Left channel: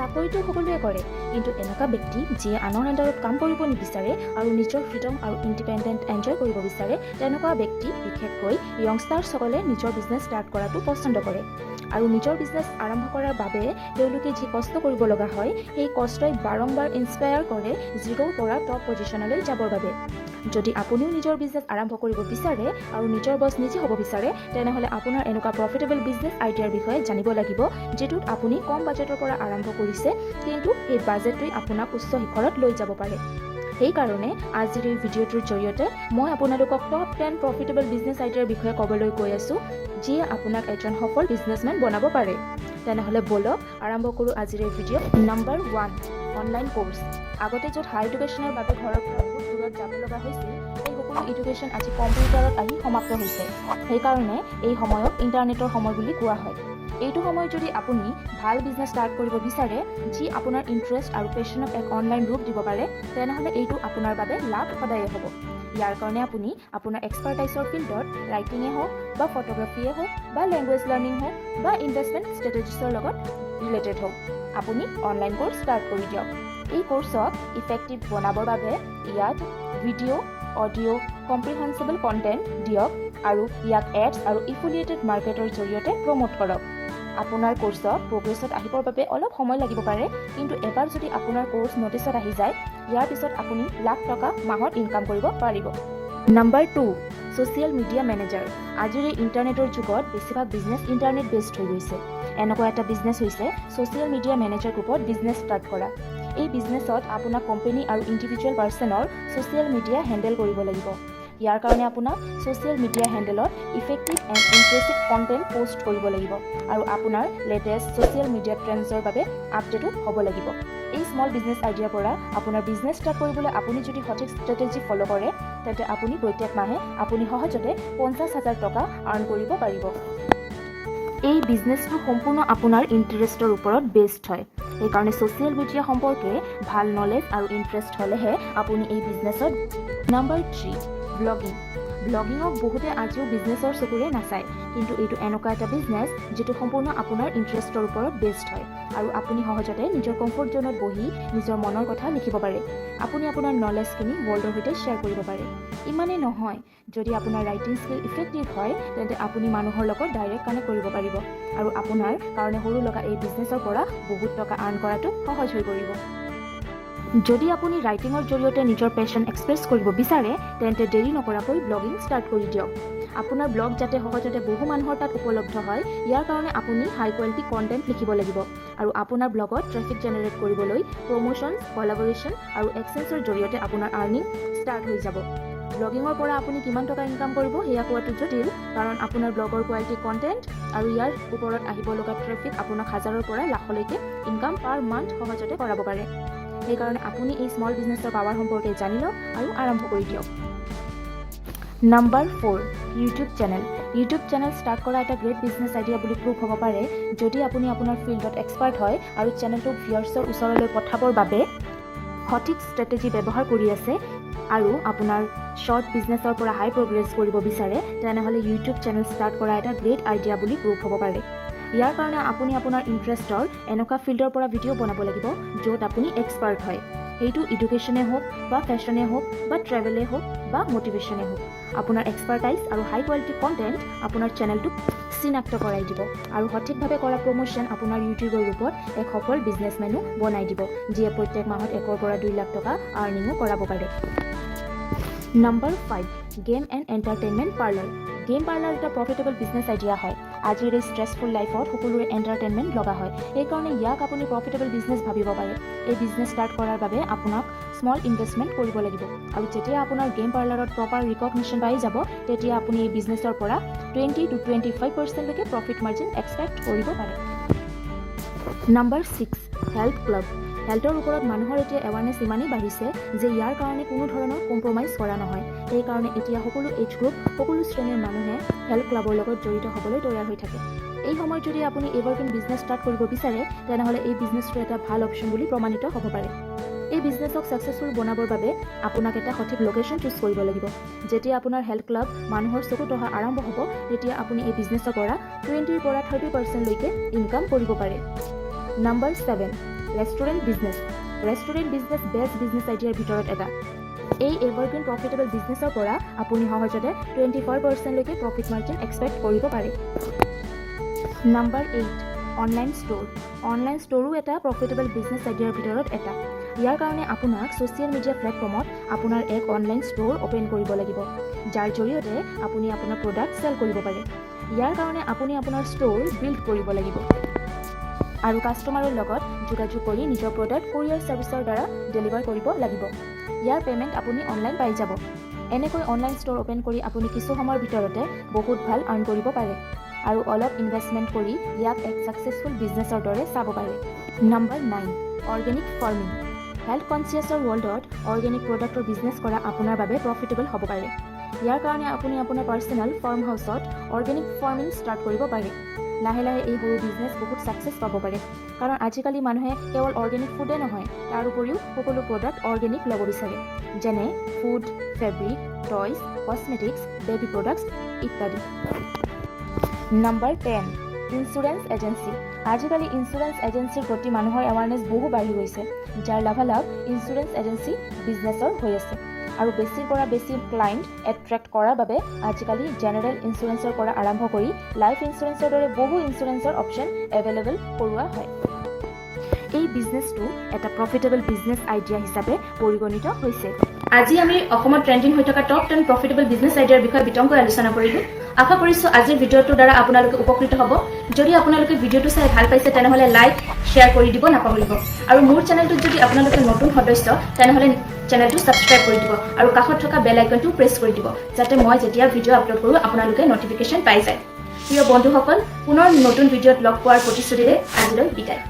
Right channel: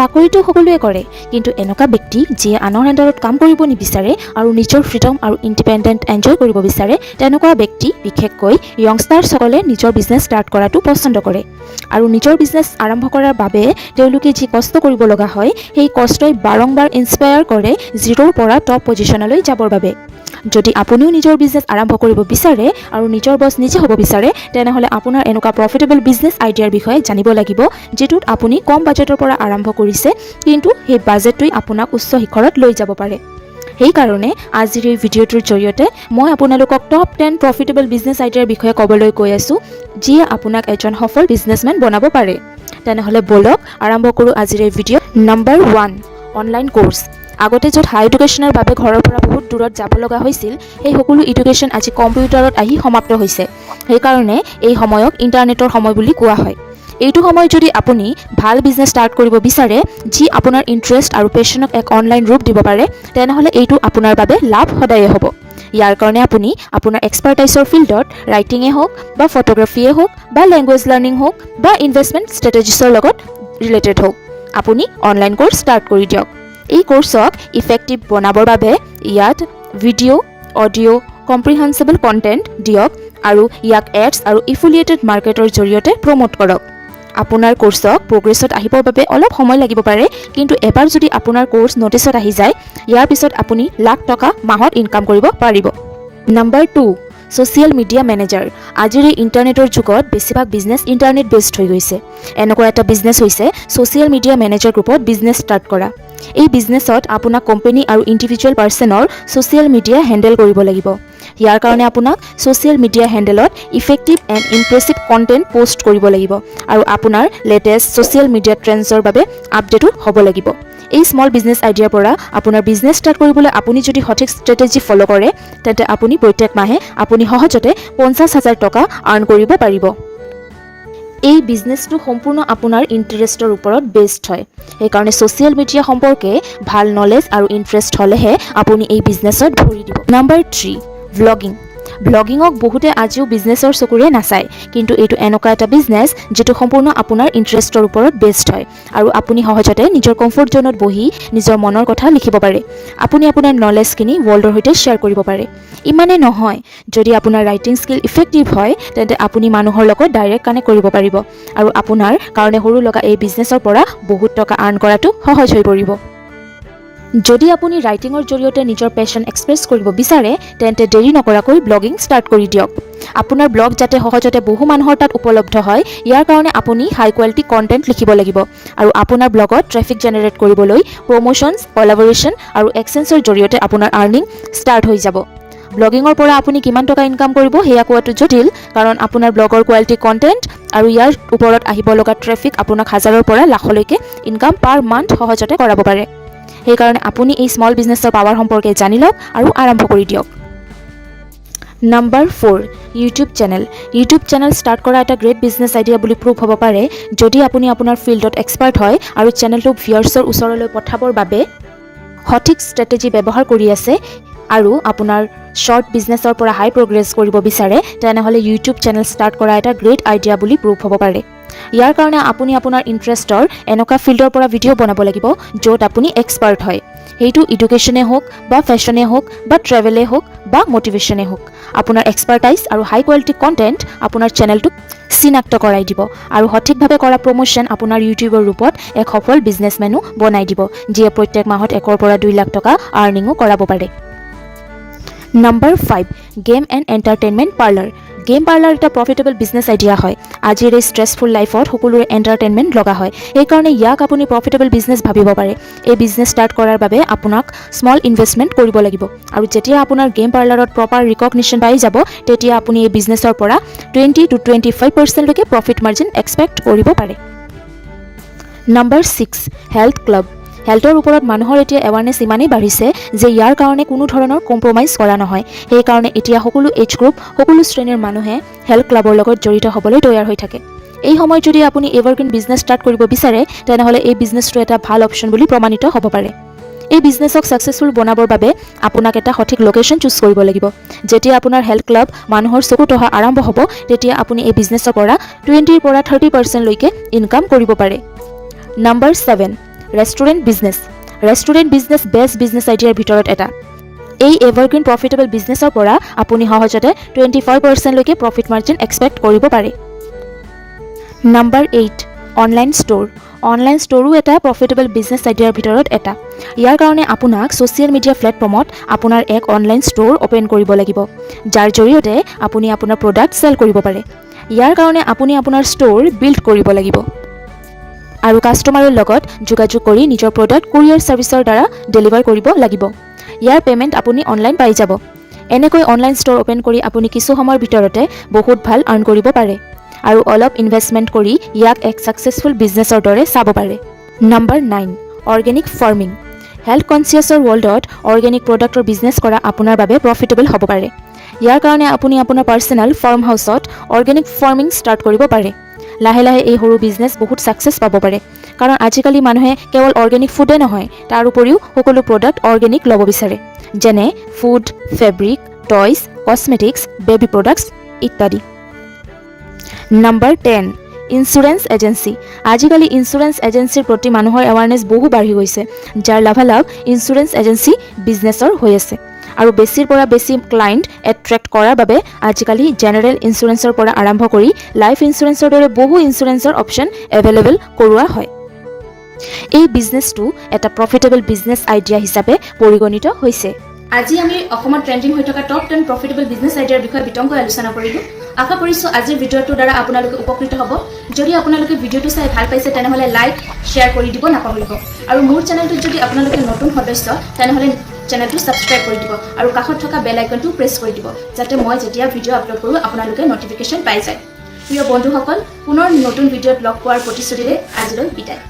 চাকৰিটো সকলোৱে কৰে, কিন্তু এনেকুৱা ব্যক্তি যিয়ে আনৰ আণ্ডাৰত কাম কৰিব নিবিচাৰে আৰু নিজৰ ফ্ৰীডম আৰু ইণ্ডিপেণ্ডেণ্ট এনজয় কৰিব বিচাৰে, তেনেকুৱা ব্যক্তি বিশেষকৈ য়ংষ্টাৰ্ছসকলে নিজৰ বিজনেছ ষ্টাৰ্ট কৰাটো পচন্দ কৰে। আৰু নিজৰ বিজনেছ আৰম্ভ কৰাৰ বাবে তেওঁলোকে যি কষ্ট কৰিব লগা হয়, সেই কষ্টই বাৰম্বাৰ ইনস্পায়াৰ কৰে জিৰ'ৰ পৰা টপ পজিশ্যনলৈ যাবৰ বাবে। যদি আপুনিও নিজৰ বিজনেছ আৰম্ভ কৰিব বিচাৰে আৰু নিজৰ বছ নিজে হ'ব বিচাৰে, তেনেহ'লে আপোনাৰ এনেকুৱা প্ৰফিটেবল বিজনেছ আইডিয়াৰ বিষয়ে জানিব লাগিব, যিটোত আপুনি কম বাজেটৰ পৰা আৰম্ভ কৰিছে, কিন্তু সেই বাজেটটোৱে আপোনাক উচ্চ শিখৰত লৈ যাব পাৰে। সেইকাৰণে আজিৰ এই ভিডিঅ'টোৰ জৰিয়তে মই আপোনালোকক টপ 10 প্ৰফিটেবল বিজনেছ আইডিয়াৰ বিষয়ে ক'বলৈ কৈ আছোঁ, যিয়ে আপোনাক এজন সফল বিজনেছমেন বনাব পাৰে। তেনেহ'লে বলক আৰম্ভ কৰোঁ আজিৰ এই ভিডিঅ'। Number 1, online course. আগতে য'ত হাই এডুকেশ্যনৰ বাবে ঘৰৰ পৰা বহুত দূৰত যাব লগা হৈছিল, সেই সকলো এডুকেশ্যন আজি কম্পিউটাৰত আহি সমাপ্ত হৈছে। সেইকাৰণে এই সময়ক ইণ্টাৰনেটৰ সময় বুলি কোৱা হয়। এইটো সময়ত যদি আপুনি ভাল বিজনেছ ষ্টাৰ্ট কৰিব বিচাৰে, যি আপোনাৰ ইণ্টাৰেষ্ট আৰু পেশ্যনক এক অনলাইন ৰূপ দিব পাৰে, তেনেহ'লে এইটো আপোনাৰ বাবে লাভ সদায়ে হ'ব। ইয়াৰ কাৰণে আপুনি আপোনাৰ এক্সপাৰ্টাইজৰ ফিল্ডত ৰাইটিঙে হওক বা ফটোগ্ৰাফীয়ে হওক বা লেংগুৱেজ লাৰ্ণিং হওক বা ইনভেষ্টমেণ্ট ষ্ট্ৰেটেজিছৰ লগত ৰিলেটেড হওক, আপুনি অনলাইন কোৰ্ছ ষ্টাৰ্ট কৰি দিয়ক। এই কোৰ্ছক ইফেক্টিভ বনাবৰ বাবে ইয়াত ভিডিঅ', অডিঅ', কম্প্ৰিহেনচিবল কণ্টেণ্ট দিয়ক আৰু ইয়াক এডছ আৰু এফিলিয়েটেড মাৰ্কেটৰ জৰিয়তে প্ৰমোট কৰক। আপোনাৰ কোৰ্ছক প্ৰগ্ৰেছত আহিবৰ বাবে অলপ সময় লাগিব পাৰে, কিন্তু এবাৰ যদি আপোনাৰ কোৰ্ছ নটিছত আহি যায়, ইয়াৰ পিছত আপুনি লাখ টকা মাহত ইনকাম কৰিব পাৰিব। Number 2, social media manager. আজিৰ এই ইণ্টাৰনেটৰ যুগত বেছিভাগ বিজনেছ ইণ্টাৰনেট বেছড হৈ গৈছে। এনেকুৱা এটা বিজনেছ হৈছে ছ'চিয়েল মিডিয়া মেনেজাৰ গ্ৰুপত বিজনেছ ষ্টাৰ্ট কৰা। এই বিজনেছত আপোনাক কোম্পানী আৰু ইণ্ডিভিজুৱেল পাৰ্চনৰ ছ'চিয়েল মিডিয়া হেণ্ডেল কৰিব লাগিব। ইয়াৰ কাৰণে আপোনাক ছ'চিয়েল মিডিয়া হেণ্ডেলত ইফেক্টিভ এণ্ড ইমপ্ৰেছিভ কণ্টেণ্ট পোষ্ট কৰিব লাগিব আৰু আপোনাৰ লেটেষ্ট ছ'চিয়েল মিডিয়া ট্ৰেণ্ডছৰ বাবে আপডেটো হ'ব লাগিব। এই স্মল বিজনেছ আইডিয়াৰ পৰা আপোনাৰ বিজনেছ ষ্টাৰ্ট কৰিবলৈ আপুনি যদি সঠিক ষ্ট্ৰেটেজি ফ'ল' কৰে, তেন্তে আপুনি প্ৰত্যেক মাহে আপুনি সহজতে 50,000 টকা আৰ্ণ কৰিব পাৰিব। এই বিজনেছটো সম্পূৰ্ণ আপোনাৰ ইণ্টাৰেষ্টৰ ওপৰত বেছড হয়। সেইকাৰণে ছ'চিয়েল মিডিয়া সম্পৰ্কে ভাল নলেজ আৰু ইণ্টাৰেষ্ট হ'লেহে আপুনি এই বিজনেছত ভৰি দিব। Number 3, vlogging. ভ্লগিঙক বহুতে আজিও বিজনেছৰ চকুৰে নাচায়, কিন্তু এইটো এনেকুৱা এটা বিজনেছ যিটো সম্পূৰ্ণ আপোনাৰ ইণ্টাৰেষ্টৰ ওপৰত বেছড হয় আৰু আপুনি সহজতে নিজৰ কমফৰ্ট জ'নত বহি নিজৰ মনৰ কথা লিখিব পাৰে। আপুনি আপোনাৰ নলেজখিনি ৱৰ্ল্ডৰ সৈতে শ্বেয়াৰ কৰিব পাৰে। ইমানেই নহয়, যদি আপোনাৰ ৰাইটিং স্কিল ইফেক্টিভ হয়, তেন্তে আপুনি মানুহৰ লগত ডাইৰেক্ট কানেক্ট কৰিব পাৰিব আৰু আপোনাৰ কাৰণে সৰু লগা এই বিজনেছৰ পৰা বহুত টকা আৰ্ণ কৰাটো সহজ হৈ পৰিব। যদি আপুনি ৰাইটিঙৰ জৰিয়তে নিজৰ পেশ্যন এক্সপ্ৰেছ কৰিব বিচাৰে, তেন্তে দেৰি নকৰাকৈ ব্লগিং ষ্টাৰ্ট কৰি দিয়ক। আপোনাৰ ব্লগ যাতে সহজতে বহু মানুহৰ তাত উপলব্ধ হয়, ইয়াৰ কাৰণে আপুনি হাই কোৱালিটি কণ্টেণ্ট লিখিব লাগিব আৰু আপোনাৰ ব্লগত ট্ৰেফিক জেনেৰেট কৰিবলৈ প্ৰমোশ্যনছ, কলাবৰেশ্যন আৰু এক্সেঞ্চৰ জৰিয়তে আপোনাৰ আৰ্নিং ষ্টাৰ্ট হৈ যাব। ব্লগিঙৰ পৰা আপুনি কিমান টকা ইনকাম কৰিব সেয়া কোৱাটো জটিল, কাৰণ আপোনাৰ ব্লগৰ কোৱালিটি কণ্টেণ্ট আৰু ইয়াৰ ওপৰত আহিব লগা ট্ৰেফিক আপোনাক হাজাৰৰ পৰা লাখলৈকে ইনকাম পাৰ মান্থ সহজতে কৰাব পাৰে। সেইকাৰণে আপুনি এই স্মল বিজনেছৰ পাৱাৰ সম্পৰ্কে জানি লওক আৰু আৰম্ভ কৰি দিয়ক। Number 4, YouTube channel. YouTube channel start কৰা এটা গ্ৰেট বিজনেছ আইডিয়া বুলি প্ৰুভ হ'ব পাৰে, যদি আপুনি আপোনাৰ ফিল্ডত এক্সপাৰ্ট হয় আৰু চেনেলটোক ভিউৱাৰ্ছৰ ওচৰলৈ পঠাবৰ বাবে সঠিক ষ্ট্ৰেটেজি ব্যৱহাৰ কৰি আছে আৰু আপোনাৰ শ্বৰ্ট বিজনেছৰ পৰা হাই প্ৰগ্ৰেছ কৰিব বিচাৰে, তেনেহ'লে ইউটিউব চেনেল ষ্টাৰ্ট কৰা এটা গ্ৰেট আইডিয়া বুলি প্ৰুভ হ'ব পাৰে। ইয়াৰ কাৰণে আপুনি আপোনাৰ ইণ্টাৰেষ্টৰ এনেকুৱা ফিল্ডৰ পৰা ভিডিঅ' বনাব লাগিব য'ত আপুনি এক্সপাৰ্ট হয়। সেইটো এডুকেশ্যনে হওক বা ফেশ্বনে হওক বা ট্ৰেভেলে হওক বা মটিভেশ্যনে হওক। আপোনাৰ এক্সপাৰ্টাইজ আৰু হাই কোৱালিটি কণ্টেণ্ট আপোনাৰ চেনেলটোক চিনাক্ত কৰাই দিব আৰু সঠিকভাৱে কৰা প্ৰমোশ্যন আপোনাৰ ইউটিউবৰ ৰূপত এক সফল বিজনেছমেনো বনাই দিব, যিয়ে প্ৰত্যেক মাহত 1 পৰা 2 লাখ টকা আৰ্নিঙো কৰাব পাৰে। Number 5, game and entertainment parlour. Game parlour এটা প্ৰফিটেবল বিজনেছ আইডিয়া হয়। আজিৰ এই ষ্ট্ৰেছফুল লাইফত সকলোৰে এণ্টাৰটেইনমেণ্ট লগা হয়, সেইকাৰণে ইয়াক আপুনি প্ৰফিটেবল বিজনেছ ভাবিব পাৰে। এই বিজনেছ ষ্টাৰ্ট কৰাৰ বাবে আপোনাক স্মল ইনভেষ্টমেণ্ট কৰিব লাগিব আৰু যেতিয়া আপোনাৰ গেম পাৰ্লাৰত প্ৰপাৰ ৰিকগনিশ্যন পাই যাব, তেতিয়া আপুনি এই বিজনেছৰ পৰা 20 to 25% প্ৰফিট মাৰ্জিন এক্সপেক্ট কৰিব পাৰে। Number 6, health club. হেল্থৰ ওপৰত মানুহৰ এতিয়া এৱাৰনেছ ইমানেই বাঢ়িছে যে ইয়াৰ কাৰণে কোনো ধৰণৰ কম্প্ৰমাইজ কৰা নহয়। সেইকাৰণে এতিয়া সকলো এজ গ্ৰুপ, সকলো শ্ৰেণীৰ মানুহে হেল্থ ক্লাবৰ লগত জড়িত হ'বলৈ তৈয়াৰ হৈ থাকে। এই সময়ত যদি আপুনি এভাৰগ্ৰীণ বিজনেছ ষ্টাৰ্ট কৰিব বিচাৰে, তেনেহ'লে এই বিজনেছটো এটা ভাল অপশ্যন বুলি প্ৰমাণিত হ'ব পাৰে। এই বিজনেছক ছাকচেছফুল বনাবৰ বাবে আপোনাক এটা সঠিক লোকেশ্যন চুজ কৰিব লাগিব। যেতিয়া আপোনাৰ হেল্থ ক্লাব মানুহৰ চকুত অহা আৰম্ভ হ'ব, তেতিয়া আপুনি এই বিজনেছৰ পৰা 20 পৰা 30% লৈকে ইনকাম কৰিব পাৰে। Number 7, restaurant business. Restaurant business best business আইডিয়াৰ ভিতৰত এটা। এই এভাৰগ্ৰীণ প্ৰফিটেবল বিজনেছৰ পৰা আপুনি সহজতে 25% প্ৰফিট মাৰ্জিন এক্সপেক্ট কৰিব পাৰে। Number 8 online store. অনলাইন ষ্ট'ৰো এটা প্ৰফিটেবল বিজনেছ আইডিয়াৰ ভিতৰত এটা। ইয়াৰ কাৰণে আপোনাক ছ'চিয়েল মিডিয়া প্লেটফৰ্মত আপোনাৰ এক অনলাইন ষ্ট'ৰ অ'পেন কৰিব লাগিব, যাৰ জৰিয়তে আপুনি আপোনাৰ প্ৰডাক্ট চেল কৰিব পাৰে। ইয়াৰ কাৰণে আপুনি আপোনাৰ ষ্ট'ৰ বিল্ড কৰিব লাগিব আৰু কাষ্টমাৰৰ লগত যোগাযোগ কৰি নিজৰ প্ৰডাক্ট কুৰিয়াৰ ছাৰ্ভিচৰ দ্বাৰা ডেলিভাৰ কৰিব লাগিব। ইয়াৰ পে'মেণ্ট আপুনি অনলাইন পাই যাব। এনেকৈ অনলাইন ষ্ট'ৰ অ'পেন কৰি আপুনি কিছু সময়ৰ ভিতৰতে বহুত ভাল আৰ্ণ কৰিব পাৰে আৰু অলপ ইনভেষ্টমেণ্ট কৰি ইয়াক এক ছাকচেছফুল বিজনেছৰ দৰে চাব পাৰে। Number 9 organic farming. হেল্থ কনচিয়াছৰ ৱৰ্ল্ডত অৰ্গেনিক প্ৰডাক্টৰ বিজনেছ কৰা আপোনাৰ বাবে প্ৰফিটেবল হ'ব পাৰে। ইয়াৰ কাৰণে আপুনি আপোনাৰ পাৰ্চনেল ফাৰ্ম হাউচত অৰ্গেনিক ফাৰ্মিং ষ্টাৰ্ট কৰিব পাৰে। লাহে লাহে এই সৰু বিজনেছ বহুত ছাকচেছ পাব পাৰে, কাৰণ আজিকালি মানুহে কেৱল অৰ্গেনিক ফুডে নহয়, তাৰ উপৰিও সকলো প্ৰডাক্ট অৰ্গেনিক ল'ব বিচাৰে, যেনে food, fabric, toys, cosmetics, baby products ইত্যাদি। Number 10 insurance agency. আজিকালি ইঞ্চুৰেঞ্চ এজেঞ্চিৰ প্ৰতি মানুহৰ এৱাৰনেছ বহু বাঢ়ি গৈছে, যাৰ লাভালাভ ইঞ্চুৰেঞ্চ এজেঞ্চি বিজনেছৰ হৈ আছে। আৰু বেছিৰ পৰা বেছি ক্লায়েণ্ট এট্ৰেক্ট কৰাৰ বাবে আজিকালি জেনেৰেল ইঞ্চুৰেঞ্চৰ পৰা আৰম্ভ কৰি লাইফ ইঞ্চুৰেঞ্চৰ দৰে বহু ইঞ্চুৰেঞ্চৰ অপশ্যন এভেইলেবল কৰোৱা হয়। এই বিজনেছটো এটা প্ৰফিটেবল বিজনেছ আইডিয়া হিচাপে পৰিগণিত হৈছে। আজি আমি অসমত ট্ৰেণ্ডিং হৈ থকা টপ 10 প্ৰফিটেবল বিজনেছ আইডিয়াৰ বিষয়ে বিতংকৈ আলোচনা কৰিলোঁ। আশা কৰিছোঁ আজিৰ ভিডিঅ'টোৰ দ্বাৰা আপোনালোকে উপকৃত হ'ব। যদি আপোনালোকে ভিডিঅ'টো চাই ভাল পাইছে তেনেহ'লে লাইক শ্বেয়াৰ কৰি দিব নাপাহৰিব। আৰু মোৰ চেনেলটোত যদি আপোনালোকে নতুন সদস্য তেনেহ'লে চেনেলটো ছাবস্ক্ৰাইব কৰি দিব আৰু কাষত থকা বেল আইকনটো প্ৰেছ কৰি দিব, যাতে মই যেতিয়া ভিডিঅ' আপলোড কৰোঁ আপোনালোকে নটিফিকেশ্যন পাই যায়। প্ৰিয় বন্ধুসকল, পুনৰ নতুন ভিডিঅ'ত লগ পোৱাৰ প্ৰতিশ্ৰুতিৰে আজিলৈ বিদায়।